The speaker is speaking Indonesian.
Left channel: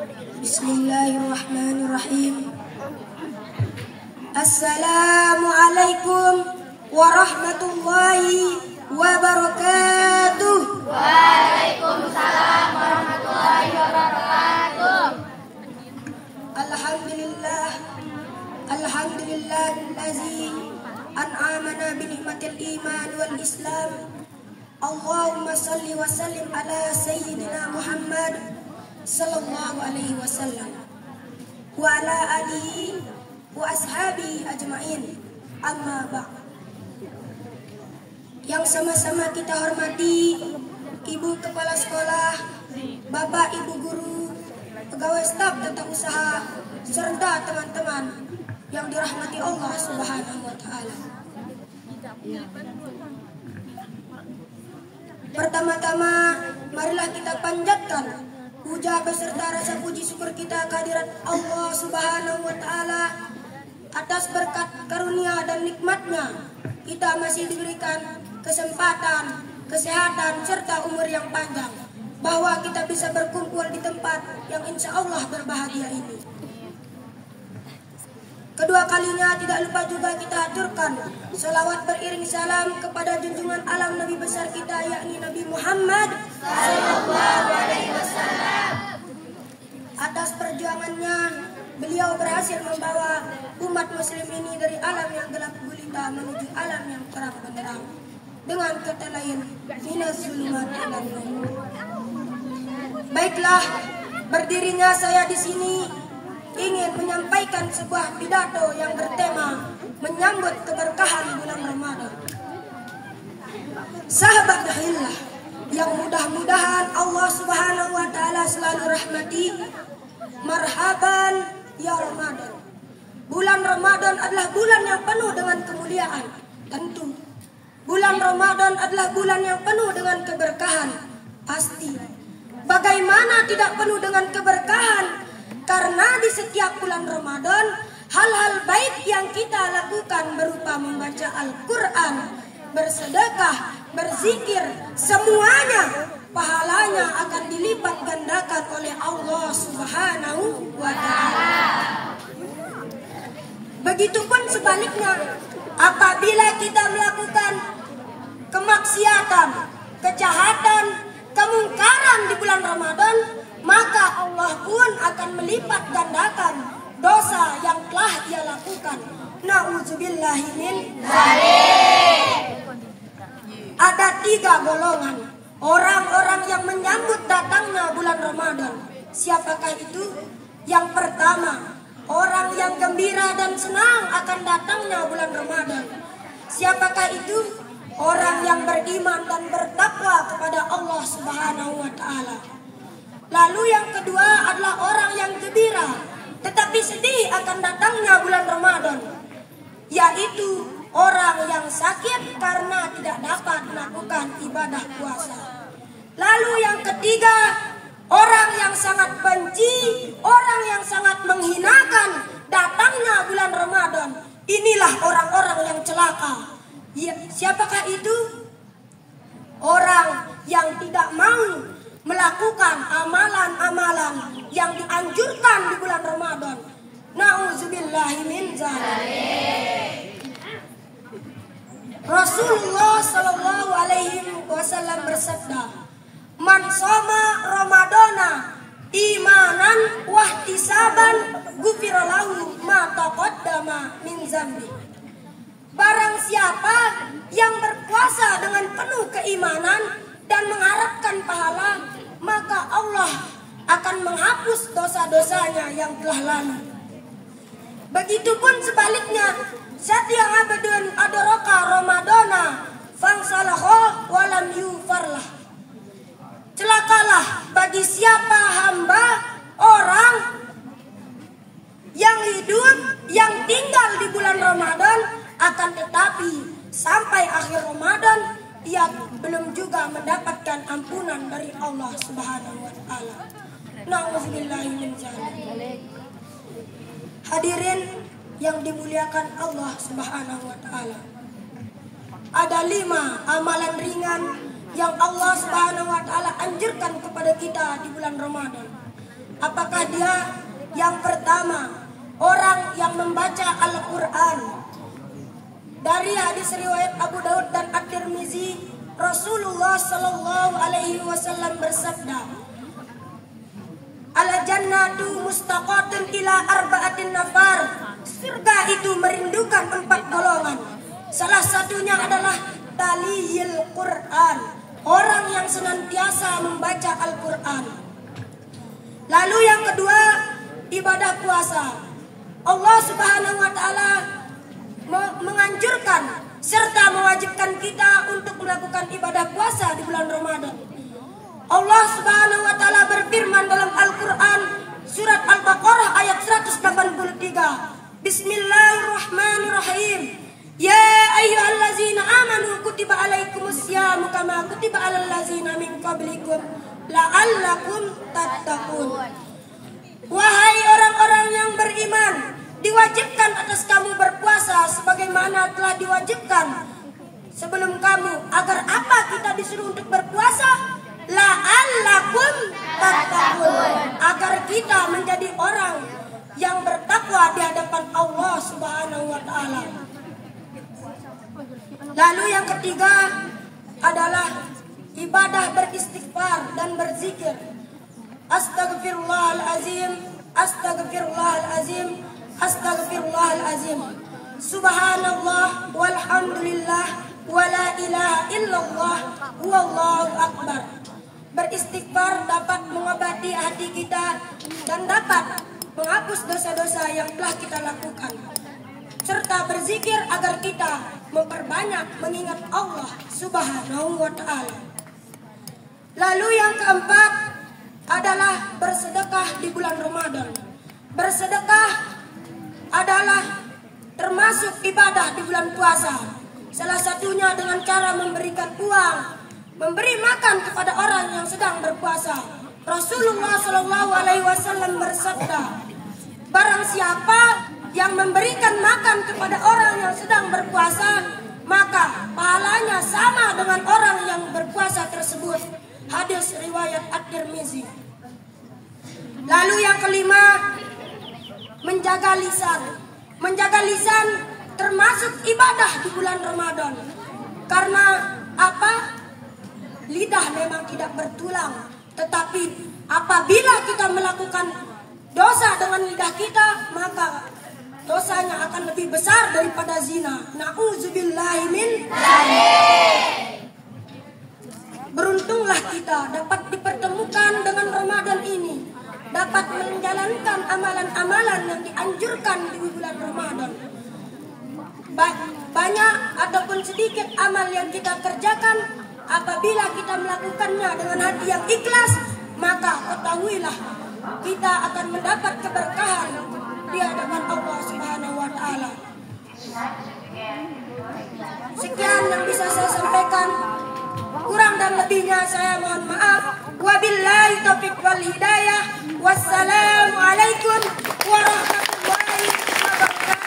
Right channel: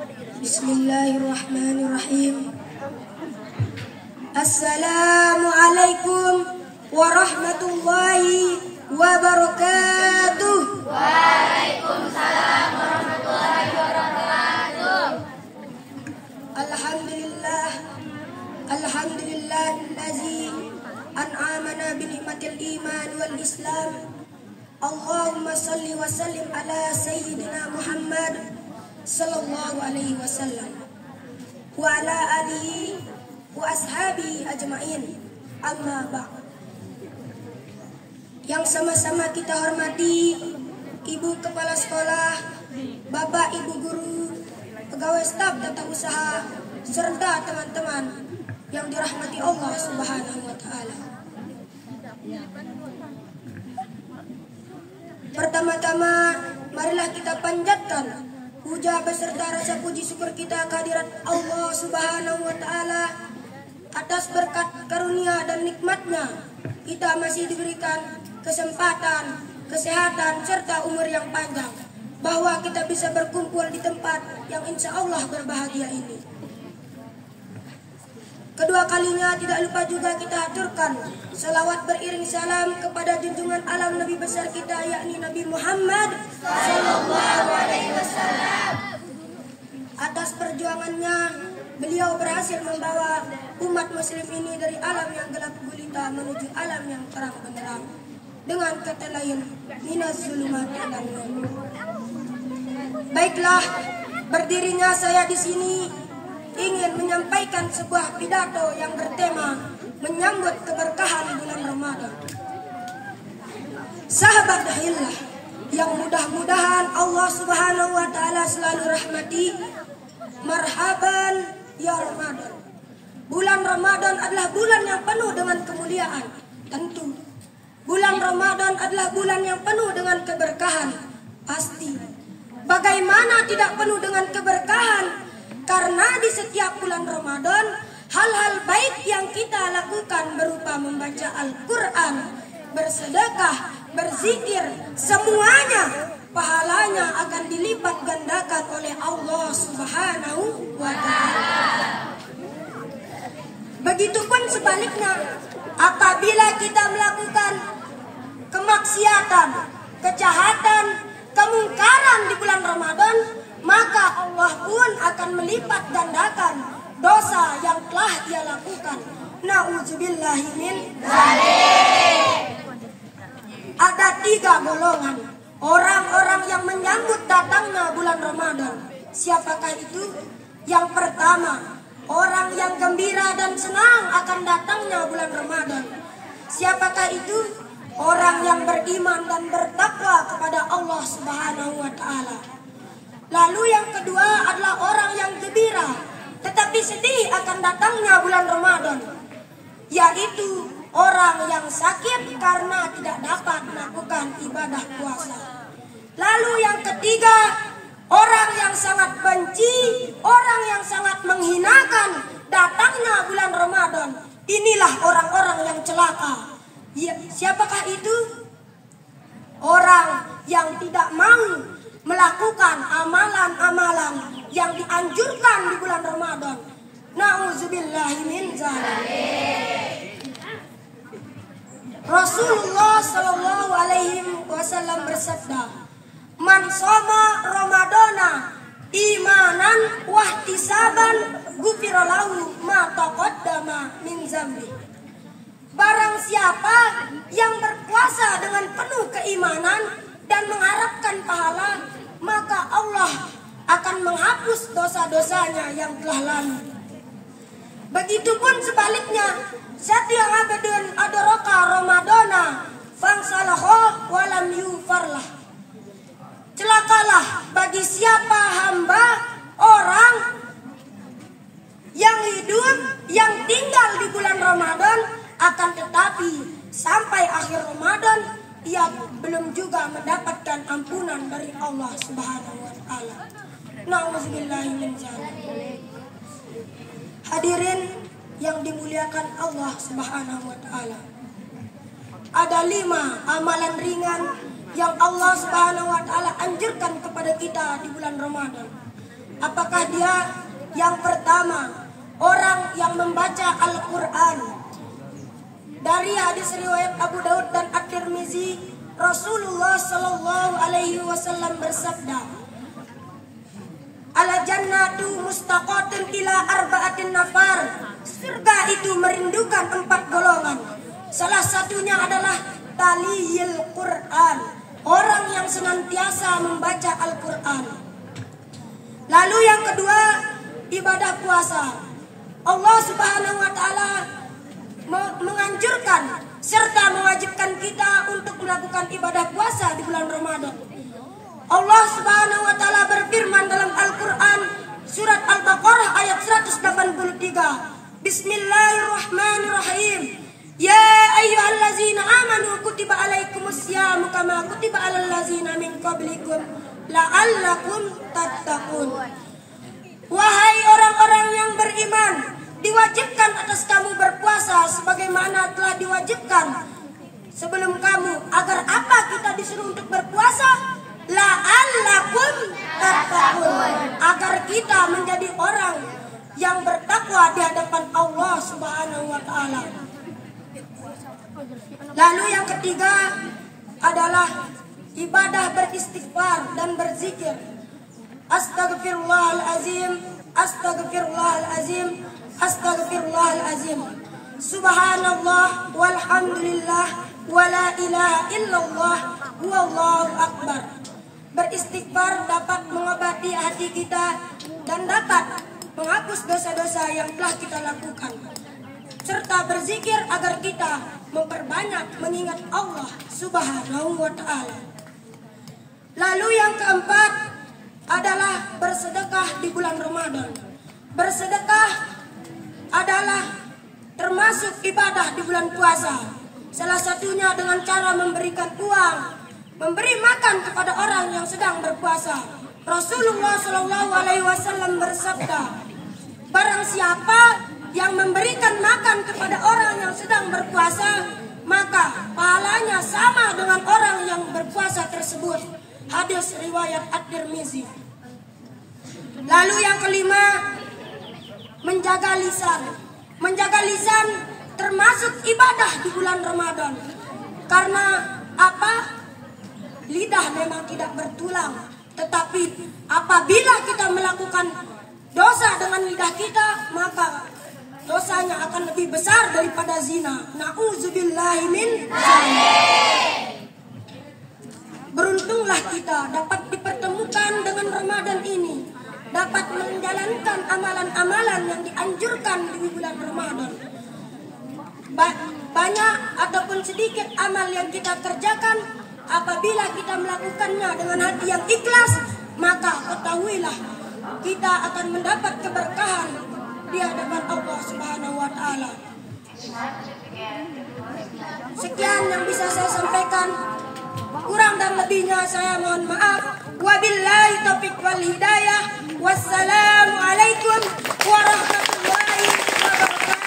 Bismillahirrahmanirrahim. Assalamualaikum warahmatullahi wabarakatuh. Waalaikumsalam warahmatullahi wabarakatuh. Alhamdulillahillazi an'amana bi ni'matil iman wal islam. Allahumma salli wa sallim ala sayyidina Muhammad sallallahu alaihi wasallam wa ala alihi wa ashabi ajmain. Amma ba'd. Yang sama-sama kita hormati Ibu Kepala Sekolah, Bapak Ibu Guru, pegawai staf tata usaha, serta teman-teman yang dirahmati Allah Subhanahu wa taala. Pertama-tama, marilah kita panjatkan puja beserta rasa puji syukur kita kehadirat Allah Subhanahu wa taala atas berkat karunia dan nikmatnya kita masih diberikan kesempatan, kesehatan serta umur yang panjang, bahwa kita bisa berkumpul di tempat yang insya Allah berbahagia ini. Kedua kalinya tidak lupa juga kita haturkan salawat beriring salam kepada junjungan alam Nabi besar kita, yakni Nabi Muhammad sallallahu alaihi wasallam. Atas perjuangannya, beliau berhasil membawa umat muslim ini dari alam yang gelap gulita menuju alam yang terang benderang, dengan kata lain, minas zulumat ilan nur. Baiklah, berdirinya saya di sini ingin menyampaikan sebuah pidato yang bertema menyambut keberkahan bulan Ramadan. Sahabat hillah yang mudah-mudahan Allah Subhanahu wa taala selalu rahmati, marhaban ya Ramadan. Bulan Ramadan adalah bulan yang penuh dengan kemuliaan. Tentu bulan Ramadan adalah bulan yang penuh dengan keberkahan. Pasti. Bagaimana tidak penuh dengan keberkahan? Karena di setiap bulan Ramadan, hal-hal baik yang kita lakukan berupa membaca Al-Quran, bersedekah, berzikir, semuanya pahalanya akan dilipat gandakan oleh Allah Subhanahu wa ta'ala. Begitupun sebaliknya, apabila kita melakukan kemaksiatan, kejahatan, kemungkaran di bulan Ramadan, maka Allah pun akan melipat gandakan dosa yang telah ia lakukan. Na'udzubillahi min dzalik. Ada 3 golongan orang-orang yang menyambut datangnya bulan Ramadan. Siapakah itu? Yang pertama, orang yang gembira dan senang akan datangnya bulan Ramadan. Siapakah itu? Orang yang beriman dan bertakwa kepada Allah Subhanahu wa taala. Lalu yang kedua adalah orang yang gembira tetapi sedih akan datangnya bulan Ramadan, yaitu orang yang sakit karena tidak dapat melakukan ibadah puasa. Lalu yang ketiga, orang yang sangat benci, orang yang sangat menghinakan datangnya bulan Ramadan. Inilah orang-orang yang celaka. Ya, siapakah itu? Orang yang tidak mau melakukan amalan-amalan yang dianjurkan di bulan Ramadan. Na'udzubillahi min dzalik. Rasulullah sallallahu alaihi wasallam bersabda, "Man shoma Ramadana imanan wa ihtisaban ghufira lahu ma taqaddama min dzambi." Barang siapa yang berpuasa dengan penuh keimanan dan mengharapkan pahala, maka Allah akan menghapus dosa-dosanya yang telah lalu. Begitupun sebaliknya, setiap abadun adraka Ramadana fangsalahu walam yufarlah. Celakalah bagi siapa hamba orang yang hidup, yang tinggal di bulan Ramadan, akan tetapi sampai akhir Ramadan ia belum juga mendapatkan ampunan dari Allah Subhanahu wa taala. Na'udzubillahi min dzalik. Hadirin yang dimuliakan Allah Subhanahu wa taala. Ada 5 amalan ringan yang Allah Subhanahu wa taala anjurkan kepada kita di bulan Ramadan. Apakah dia yang pertama orang yang membaca Al-Quran? Dari hadis riwayat Abu Daud dan At-Tirmizi, Rasulullah Shallallahu Alaihi Wasallam bersabda, "Al-jannatu mustaqatun ila arba'atin nafar." Surga itu merindukan 4 golongan. Salah satunya adalah taliyil Quran, orang yang senantiasa membaca Al-Quran. Lalu yang kedua, ibadah puasa. Allah Subhanahu wa taala menganjurkan serta mewajibkan kita untuk melakukan ibadah puasa di bulan Ramadan. Allah Subhanahu wa taala berfirman dalam Al-Qur'an surat Al-Baqarah ayat 183. Bismillahirrahmanirrahim. Ya ayyuhallazina amanu kutiba alaikumusyamu kama kutiba alal ladzina min qablikum la'allakum tattaqun. Wahai orang-orang yang beriman, diwajibkan atas kamu berpuasa sebagaimana telah diwajibkan sebelum kamu. Agar apa kita disuruh untuk berpuasa? La'allakum tattaqun, agar kita menjadi orang yang bertakwa di hadapan Allah Subhanahu wa taala. Lalu yang ketiga adalah ibadah beristighfar dan berzikir. Astagfirullahalazim, astagfirullahalazim, astagfirullahalazim. Subhanallah walhamdulillah wala ilaha illallah wallahu akbar. Beristighfar dapat mengobati hati kita dan dapat menghapus dosa-dosa yang telah kita lakukan, serta berzikir agar kita memperbanyak mengingat Allah Subhanahu wa taala. Lalu yang keempat adalah bersedekah di bulan Ramadan. Bersedekah adalah termasuk ibadah di bulan puasa. Salah satunya dengan cara memberikan uang, memberi makan kepada orang yang sedang berpuasa. Rasulullah Shallallahu Alaihi Wasallam bersabda, barang siapa yang memberikan makan kepada orang yang sedang berpuasa, maka pahalanya sama dengan orang yang berpuasa tersebut. Hadis riwayat At-Tirmizi. Lalu yang kelima, menjaga lisan. Menjaga lisan termasuk ibadah di bulan Ramadan. Karena apa? Lidah memang tidak bertulang, tetapi apabila kita melakukan dosa dengan lidah kita, maka dosanya akan lebih besar daripada zina. Na'udzubillahi min dzalik. Beruntunglah kita dapat dipertemukan dengan Ramadan ini, dapat menjalankan amalan-amalan yang dianjurkan di bulan Ramadan. Banyak ataupun sedikit amal yang kita kerjakan, apabila kita melakukannya dengan hati yang ikhlas, maka ketahuilah kita akan mendapat keberkahan di hadapan Allah Subhanahu wa taala. Sekian yang bisa saya sampaikan. Kurang dan lebihnya saya mohon maaf. Wabillahi taufiq wal hidayah. Wassalamualaikum warahmatullahi wabarakatuh.